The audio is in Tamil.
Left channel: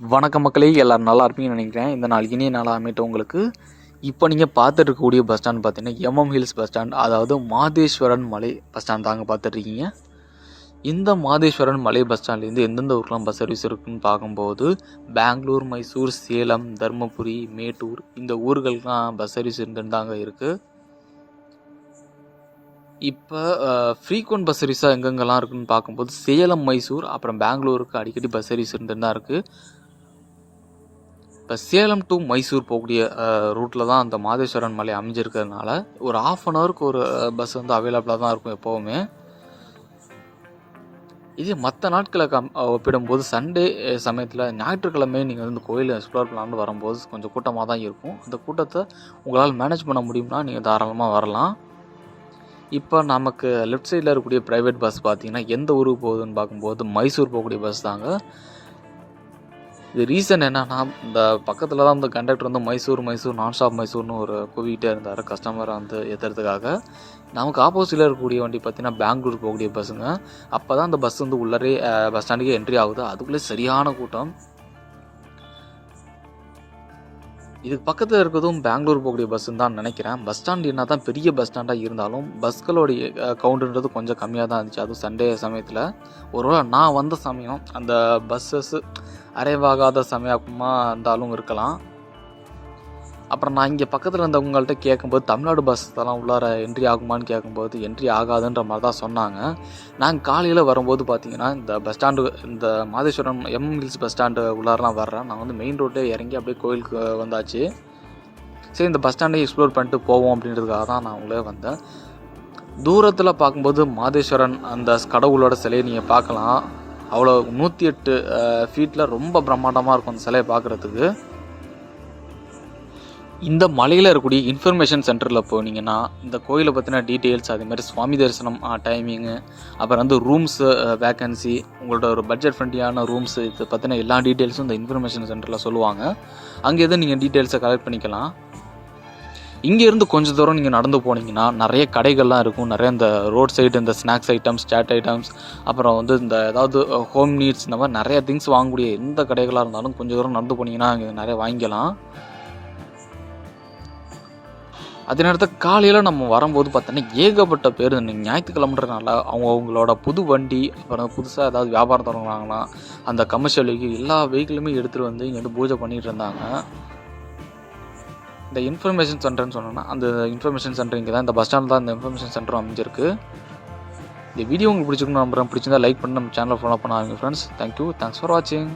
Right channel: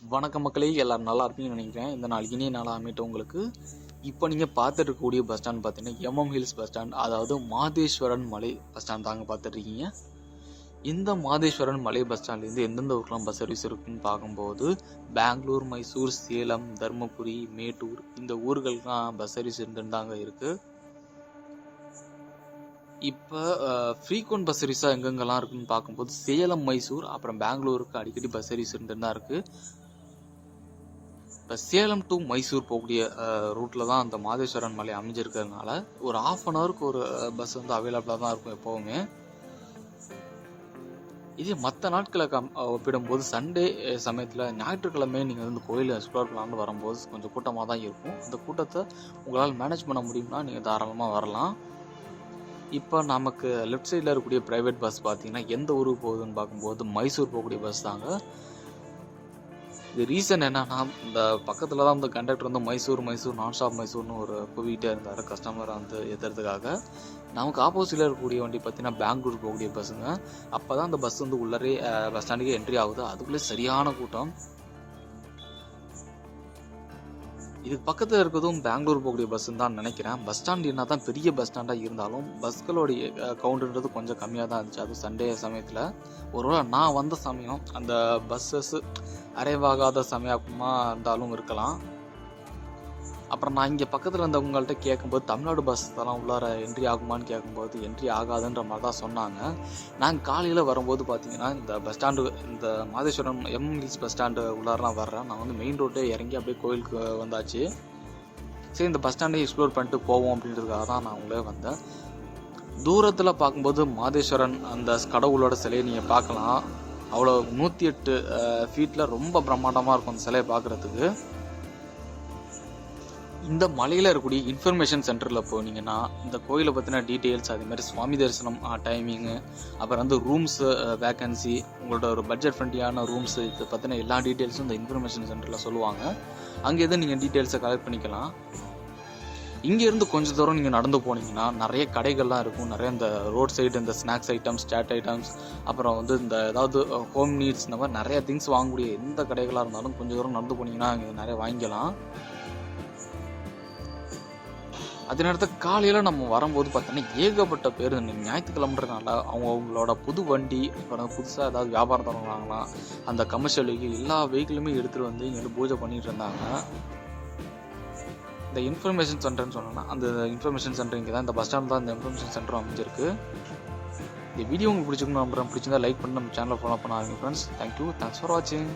வணக்கம் மக்களே, எல்லோரும் நல்லா இருப்பீங்கன்னு நினைக்கிறேன். இந்த நாள் இனிய நாளாக அமையட்டும் உங்களுக்கு. இப்போ நீங்கள் பார்த்துட்டு இருக்கக்கூடிய பஸ் ஸ்டாண்ட் பார்த்தீங்கன்னா எம்எம் ஹில்ஸ் பஸ் ஸ்டாண்ட், அதாவது மாதேஸ்வரன் மலை பஸ் ஸ்டாண்ட் தாங்க பார்த்துட்ருக்கீங்க. இந்த மாதேஸ்வரன் மலை பஸ் ஸ்டாண்ட்லேருந்து எந்தெந்த ஊருக்குலாம் பஸ் சர்வீஸ் இருக்குதுன்னு பார்க்கும்போது பெங்களூர், மைசூர், சேலம், தருமபுரி, மேட்டூர் இந்த ஊர்களுக்கெலாம் பஸ் சர்வீஸ் இருந்துன்னு தாங்க இருக்குது. இப்போ ஃப்ரீக்வெண்ட் பஸ் சர்வீஸாக எங்கெங்கெல்லாம் இருக்குதுன்னு பார்க்கும்போது சேலம், மைசூர், அப்புறம் பெங்களூருக்கு அடிக்கடி பஸ் சர்வீஸ் இருந்துன்னு தான் இருக்குது. இப்போ சேலம் டு மைசூர் போகக்கூடிய ரூட்டில் தான் அந்த மாதேஸ்வரன் மலை அமைஞ்சிருக்கிறதுனால ஒரு ½ ஒரு பஸ் வந்து அவைலபிளாக தான் இருக்கும் எப்போவுமே. இதே மற்ற நாட்களை ஒப்பிடும்போது சண்டே சமயத்தில் ஞாயிற்றுக்கிழமை நீங்கள் வந்து கோயிலை எக்ஸ்ப்ளோர் பண்ணலான்னு வரும்போது கொஞ்சம் கூட்டமாக தான் இருக்கும். அந்த கூட்டத்தை உங்களால் மேனேஜ் பண்ண முடியும்னா நீங்கள் தாராளமாக வரலாம். இப்போ நமக்கு லெஃப்ட் சைடில் இருக்கக்கூடிய ப்ரைவேட் பஸ் பார்த்தீங்கன்னா எந்த ஊருக்கு போகுதுன்னு பார்க்கும்போது மைசூர் போகக்கூடிய பஸ் தாங்க. இது ரீசன் என்னன்னா, இந்த பக்கத்தில் தான் இந்த கண்டக்டர் வந்து மைசூர் நான் ஸ்டாப் மைசூர்னு ஒரு கூவிகிட்டே இருந்தார் கஸ்டமரை வந்து ஏற்றுறதுக்காக. நமக்கு ஆப்போசிட்டில் இருக்கக்கூடிய வண்டி பார்த்தீங்கன்னா பெங்களூர் போகக்கூடிய பஸ்ஸுங்க. அப்போ தான் அந்த பஸ் வந்து உள்ளரே பஸ் ஸ்டாண்டுக்கே என்ட்ரி ஆகுது. அதுக்குள்ளே சரியான கூட்டம். இதுக்கு பக்கத்தில் இருக்கிறதும் பெங்களூர் போகக்கூடிய பஸ்ஸுன்னு தான் நினைக்கிறேன். பஸ் ஸ்டாண்ட் என்ன தான் பெரிய பஸ் ஸ்டாண்டாக இருந்தாலும் பஸ்களுடைய கவுண்டுன்றது கொஞ்சம் கம்மியாக தான் இருந்துச்சு. அதுவும் சண்டே சமயத்தில். ஒருவேளை நான் வந்த சமயம் அந்த பஸ்ஸஸ் அரைவாகாத சமயமாக இருந்தாலும் இருக்கலாம். அப்புறம் நான் இங்கே பக்கத்தில் இருந்தவங்கள்ட்ட கேட்கும்போது தமிழ்நாடு பஸ் எல்லாம் உள்ளார என்ட்ரி ஆகுமான்னு கேட்கும்போது என்ட்ரி ஆகாதுன்ற மாதிரி தான் சொன்னாங்க. நாங்கள் காலையில் வரும்போது பார்த்தீங்கன்னா இந்த பஸ் ஸ்டாண்டு, இந்த Madeshwaram MM hills bus stand உள்ளாரெலாம் வர்றேன். நான் வந்து மெயின் ரோட்டே இறங்கி அப்படியே கோயிலுக்கு வந்தாச்சு. சரி, இந்த பஸ் ஸ்டாண்டை எக்ஸ்ப்ளோர் பண்ணிட்டு போவோம் அப்படின்றதுக்காக தான் நான் உள்ளே வந்தேன். தூரத்தில் பார்க்கும்போது மாதேஸ்வரன் அந்த கடவுளோட சிலையை நீங்கள் பார்க்கலாம். அவ்வளோ 108 ஃபீட்டில் ரொம்ப பிரம்மாண்டமாக இருக்கும் அந்த சிலையை பார்க்குறதுக்கு. இந்த மலையில் இருக்கக்கூடிய இன்ஃபர்மேஷன் சென்டரில் போனீங்கன்னா இந்த கோயிலை பற்றின டீட்டெயில்ஸ், அதேமாதிரி சுவாமி தரிசனம் டைமிங்கு, அப்புறம் வந்து ரூம்ஸு வேக்கன்சி, உங்களோட ஒரு பட்ஜெட் ஃப்ரெண்ட்லியான ரூம்ஸு, இதை பற்றின எல்லா டீட்டெயில்ஸும் இந்த இன்ஃபர்மேஷன் சென்டரில் சொல்லுவாங்க. அங்கே எதுவும் நீங்கள் டீட்டெயில்ஸை கலெக்ட் பண்ணிக்கலாம். இங்கேருந்து கொஞ்சம் தூரம் நீங்கள் நடந்து போனீங்கன்னா நிறைய கடைகள்லாம் இருக்கும். நிறைய இந்த ரோட் சைடு இந்த ஸ்நாக்ஸ் ஐட்டம்ஸ், சாட் ஐட்டம்ஸ், அப்புறம் வந்து இந்த ஏதாவது ஹோம் நீட்ஸ், இந்த மாதிரி நிறைய திங்ஸ் வாங்கக்கூடிய எந்த கடைகளாக இருந்தாலும் கொஞ்சம் தூரம் நடந்து போனீங்கன்னா அங்கே நிறைய வாங்கிக்கலாம். அதே நேரத்தில் காலையில் நம்ம வரும்போது பார்த்தோன்னா ஏகப்பட்ட பேர் ஞாயிற்றுக்கிழமைன்றனால அவங்களோட புது வண்டி, அப்புறம் புதுசாக ஏதாவது வியாபாரம் தொடங்குறாங்களாம், அந்த கமர்ஷியல் வெஹிக்கிள் எல்லா வெஹிக்கிளுமே எடுத்துகிட்டு வந்து இங்கே வந்து பூஜை பண்ணிகிட்டு இருந்தாங்க. இந்த இன்ஃபர்மேஷன் சென்டர்னு சொன்னோன்னா அந்த இன்ஃபர்மேஷன் சென்டர் இங்கே தான், இந்த பஸ் ஸ்டாண்ட் தான் இந்த இன்ஃபர்மேஷன் சென்டரும் அமைஞ்சிருக்கு. இந்த வீடியோ உங்களுக்கு பிடிச்சிருக்குன்னு நம்புறேன். பிடிச்சிருந்தா லைக் பண்ணி நம்ம சேனலை ஃபாலோ பண்ண ஆரம்பிங்க ஃப்ரெண்ட்ஸ். தேங்க்யூ, தேங்க்ஸ் ஃபார் வாட்சிங்.